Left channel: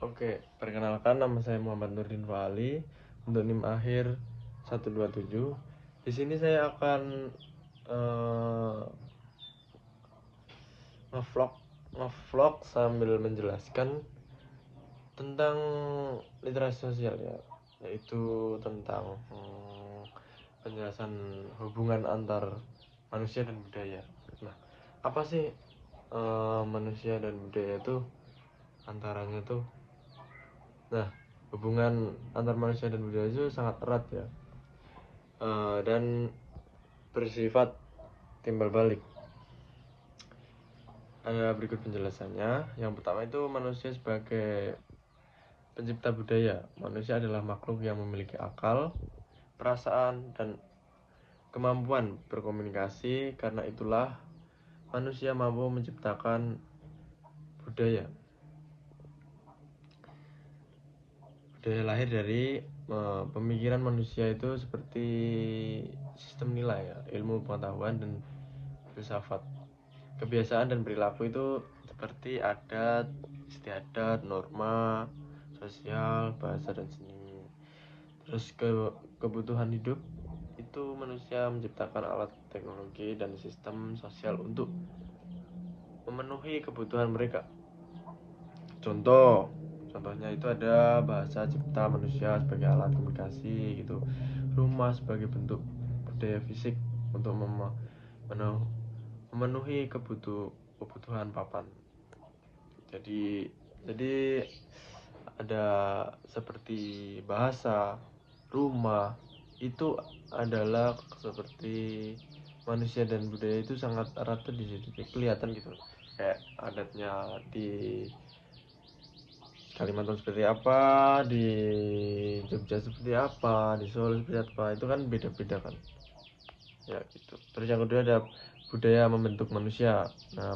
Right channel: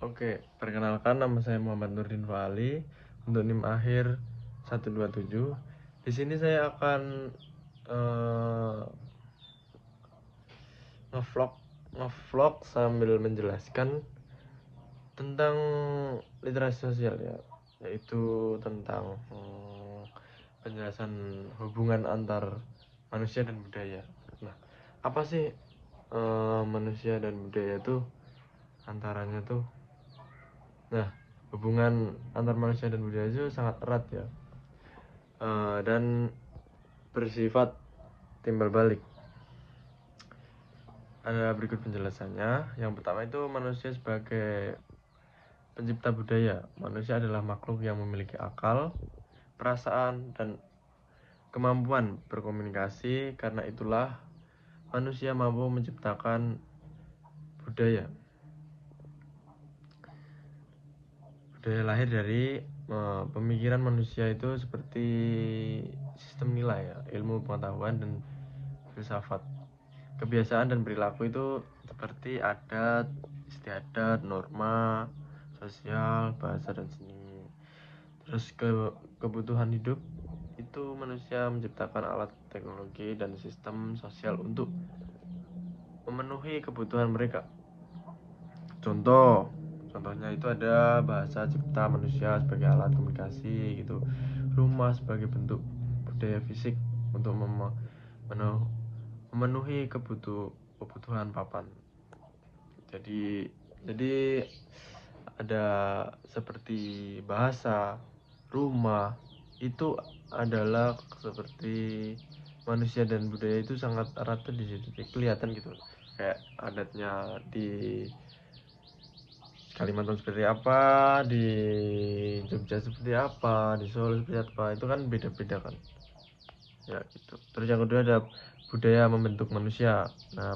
Oke, perkenalkan nama saya Muhammad Nurdin Fali untuk NIM akhir 127. Di sini saya akan eh, ngevlog ngevlog sambil menjelaskan tentang literasi sosial ya, yaitu tentang penjelasan hubungan antar manusia dan budaya. Nah, apa sih manusia dan budaya itu antaranya tuh? Nah, hubungan antar manusia dan budaya itu sangat erat ya, dan bersifat timbal balik. Ada berikut penjelasannya. Yang pertama itu manusia sebagai pencipta budaya. Manusia adalah makhluk yang memiliki akal, perasaan, dan kemampuan berkomunikasi. Karena itulah manusia mampu menciptakan budaya. Budaya lahir dari pemikiran manusia itu seperti sistem nilai ya, ilmu pengetahuan dan filsafat. Kebiasaan dan perilaku itu seperti adat, istiadat, norma sosial, bahasa dan seni. Terus kebutuhan hidup itu manusia menciptakan alat teknologi dan sistem sosial untuk memenuhi kebutuhan mereka. Contohnya itu ada bahasa cipta manusia sebagai alat komunikasi gitu, rumah sebagai bentuk budaya fisik untuk memenuhi kebutuhan papan. Jadi ada seperti bahasa, rumah itu adalah seperti manusia dan budaya itu sangat erat di situ, kelihatan gitu. Kayak adatnya di Kalimantan seperti apa, di Jogja seperti apa, di Solo seperti apa, itu kan beda-beda kan ya gitu. Terus yang kedua ada budaya membentuk manusia. Nah,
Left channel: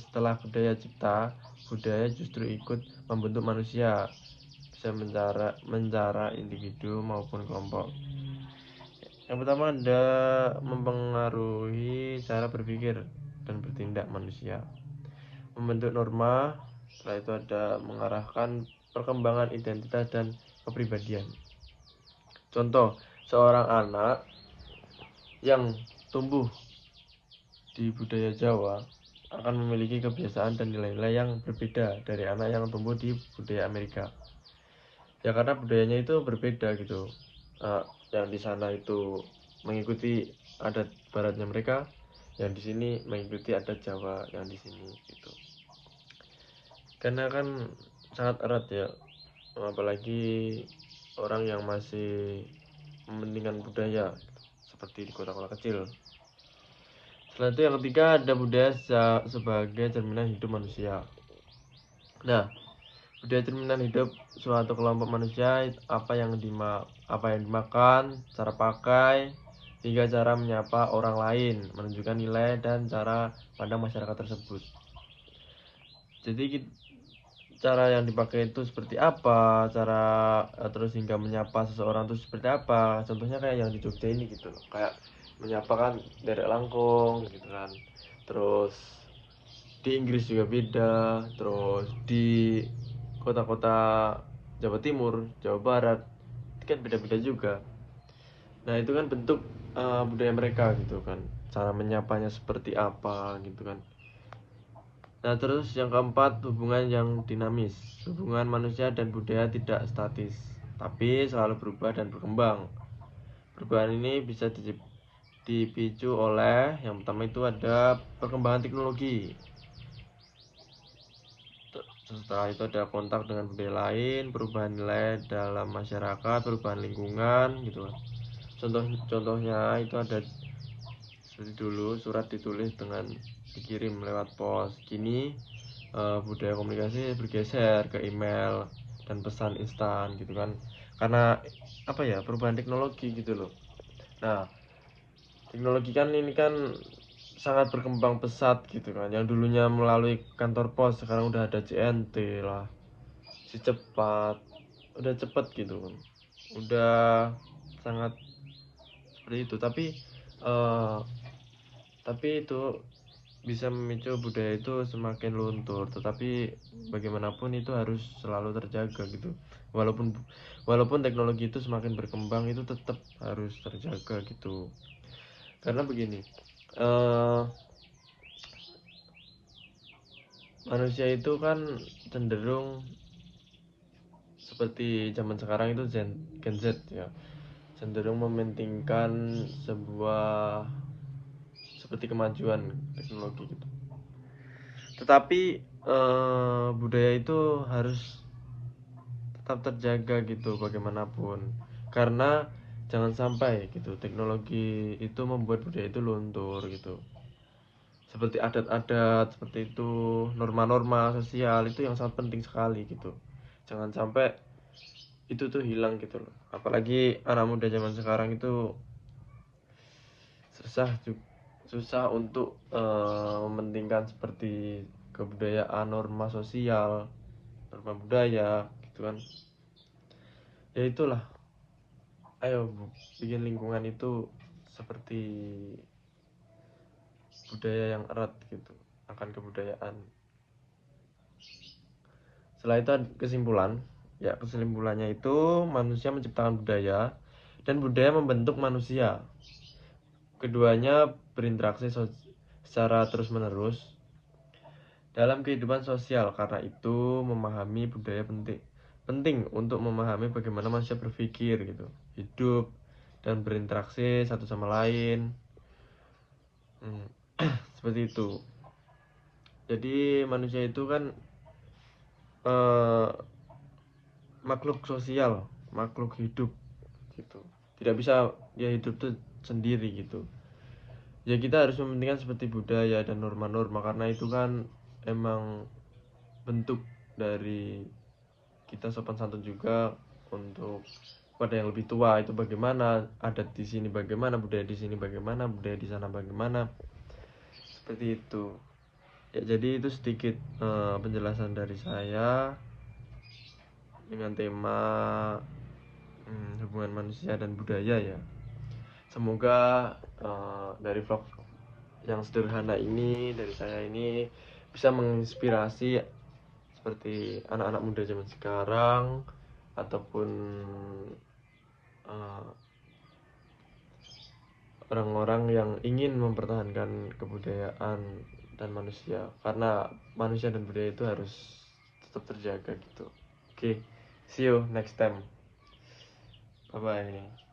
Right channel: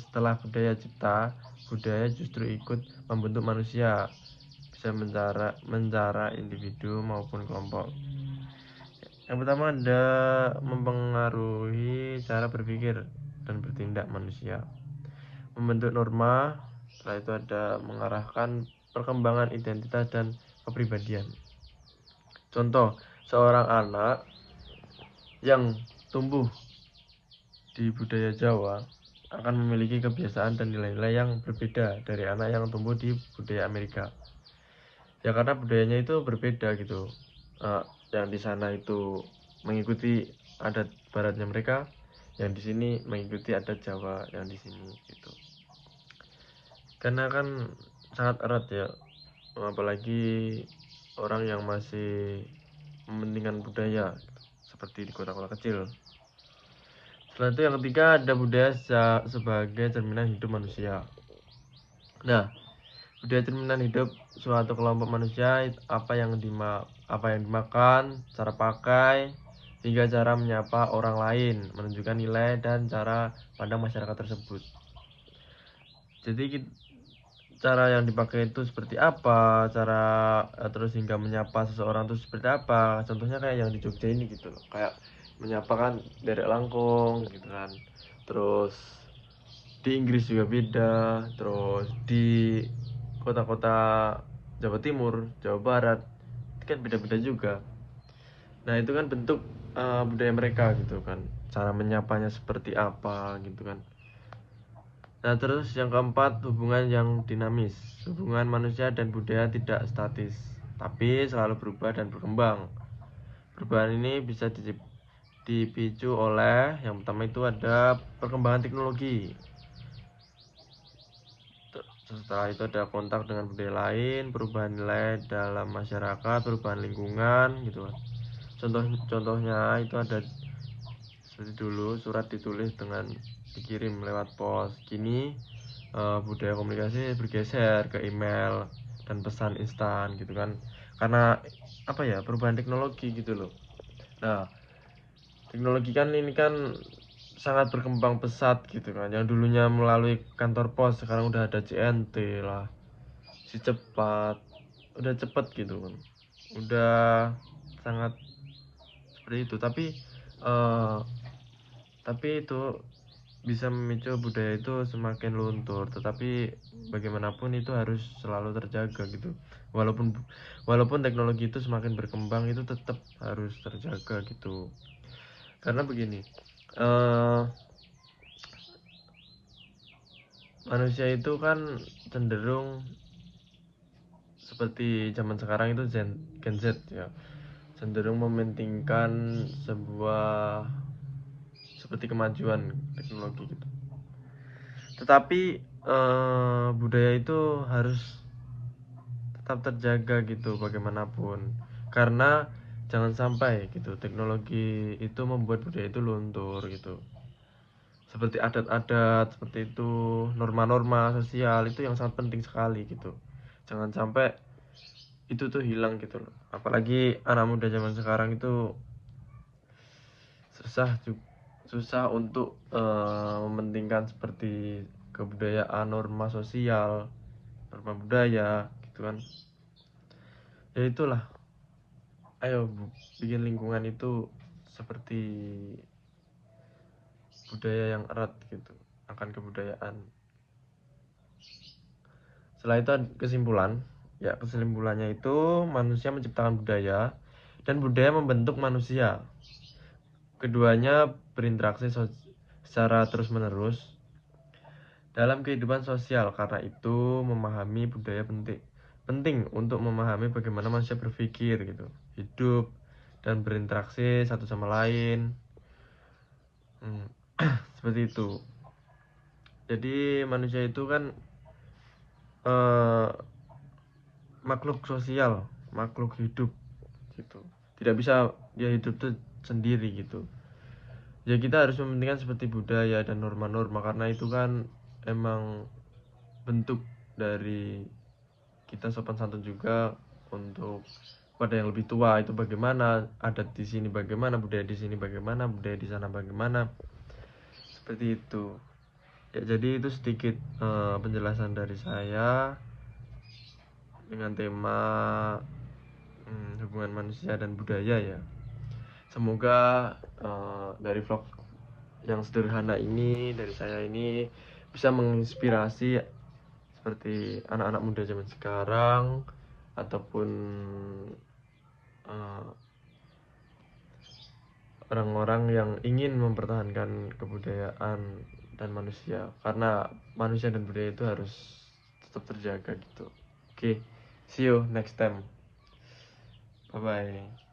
setelah budaya cipta, budaya justru ikut membentuk manusia, bisa mencara individu maupun kelompok. Yang pertama ada mempengaruhi cara berpikir dan bertindak manusia, membentuk norma. Setelah itu ada mengarahkan perkembangan identitas dan kepribadian. Contoh, seorang anak yang tumbuh di budaya Jawa akan memiliki kebiasaan dan nilai-nilai yang berbeda dari anak yang tumbuh di budaya Amerika. Ya karena budayanya itu berbeda gitu. Yang di sana itu mengikuti adat baratnya mereka, yang di sini mengikuti adat Jawa yang di sini gitu. Karena kan sangat erat ya, apalagi orang yang masih mementingkan budaya seperti di kota-kota kecil. Setelah itu yang ketiga ada budaya sebagai cerminan hidup manusia. Nah, budaya cerminan hidup suatu kelompok manusia, apa yang dimakan, cara pakai, hingga cara menyapa orang lain, menunjukkan nilai dan cara pandang masyarakat tersebut. Jadi cara yang dipakai itu seperti apa, cara terus hingga menyapa seseorang itu seperti apa. Contohnya kayak yang di Jogja ini gitu loh, kayak menyapa kan dari langkung gitu kan. Terus di Inggris juga beda, terus di kota-kota Jawa Timur, Jawa Barat itu kan beda-beda juga. Nah itu kan bentuk budaya mereka gitu kan, cara menyapanya seperti apa gitu kan. Nah terus yang keempat, hubungan yang dinamis. Hubungan manusia dan budaya tidak statis, tapi selalu berubah dan berkembang. Perubahan ini bisa dipicu oleh, yang pertama itu ada perkembangan teknologi. Setelah itu ada kontak dengan budaya lain, perubahan nilai dalam masyarakat, perubahan lingkungan gitu. Contohnya itu ada dulu surat ditulis dengan dikirim lewat pos. Kini budaya komunikasi bergeser ke email dan pesan instan gitu kan. Karena apa ya, perubahan teknologi gitu loh. Nah, teknologi kan ini kan sangat berkembang pesat gitu kan. Yang dulunya melalui kantor pos sekarang udah ada CNT lah, si cepat, udah cepet gitu kan, udah sangat seperti itu. Tapi itu bisa memicu budaya itu semakin luntur, tetapi bagaimanapun itu harus selalu terjaga gitu. Walaupun teknologi itu semakin berkembang, itu tetap harus terjaga gitu. Karena begini, eh, manusia itu kan cenderung seperti zaman sekarang itu Gen Z ya, cenderung mementingkan sebuah seperti kemajuan teknologi gitu. Tetapi budaya itu harus tetap terjaga gitu bagaimanapun, karena jangan sampai gitu teknologi itu membuat budaya itu luntur gitu, seperti adat-adat seperti itu, norma-norma sosial itu yang sangat penting sekali gitu, jangan sampai itu tuh hilang gitu loh. Apalagi anak muda zaman sekarang itu susah susah untuk mementingkan seperti kebudayaan, norma sosial, norma budaya gitu kan. Ya itulah, ayo bikin lingkungan itu seperti budaya yang erat gitu akan kebudayaan. Setelah itu kesimpulan, ya kesimpulannya itu manusia menciptakan budaya dan budaya membentuk manusia. Keduanya berinteraksi secara terus-menerus dalam kehidupan sosial. Karena itu memahami budaya penting untuk memahami bagaimana manusia berpikir gitu, hidup dan berinteraksi satu sama lain. Seperti itu. Jadi manusia itu kan eh, makhluk sosial, makhluk hidup gitu. Tidak bisa dia hidup tuh sendiri gitu. Ya kita harus mementingkan seperti budaya dan norma-norma, karena itu kan emang bentuk dari kita sopan santun juga untuk pada yang lebih tua itu bagaimana, adat di sini bagaimana, budaya di sini bagaimana, budaya di sana bagaimana, seperti itu. Ya, jadi itu sedikit penjelasan dari saya dengan tema hubungan manusia dan budaya ya. Semoga dari vlog yang sederhana ini dari saya ini bisa menginspirasi seperti anak-anak muda zaman sekarang ataupun uh, orang-orang yang ingin mempertahankan kebudayaan dan manusia, karena manusia dan budaya itu harus tetap terjaga gitu. Oke, see you next time, bye bye.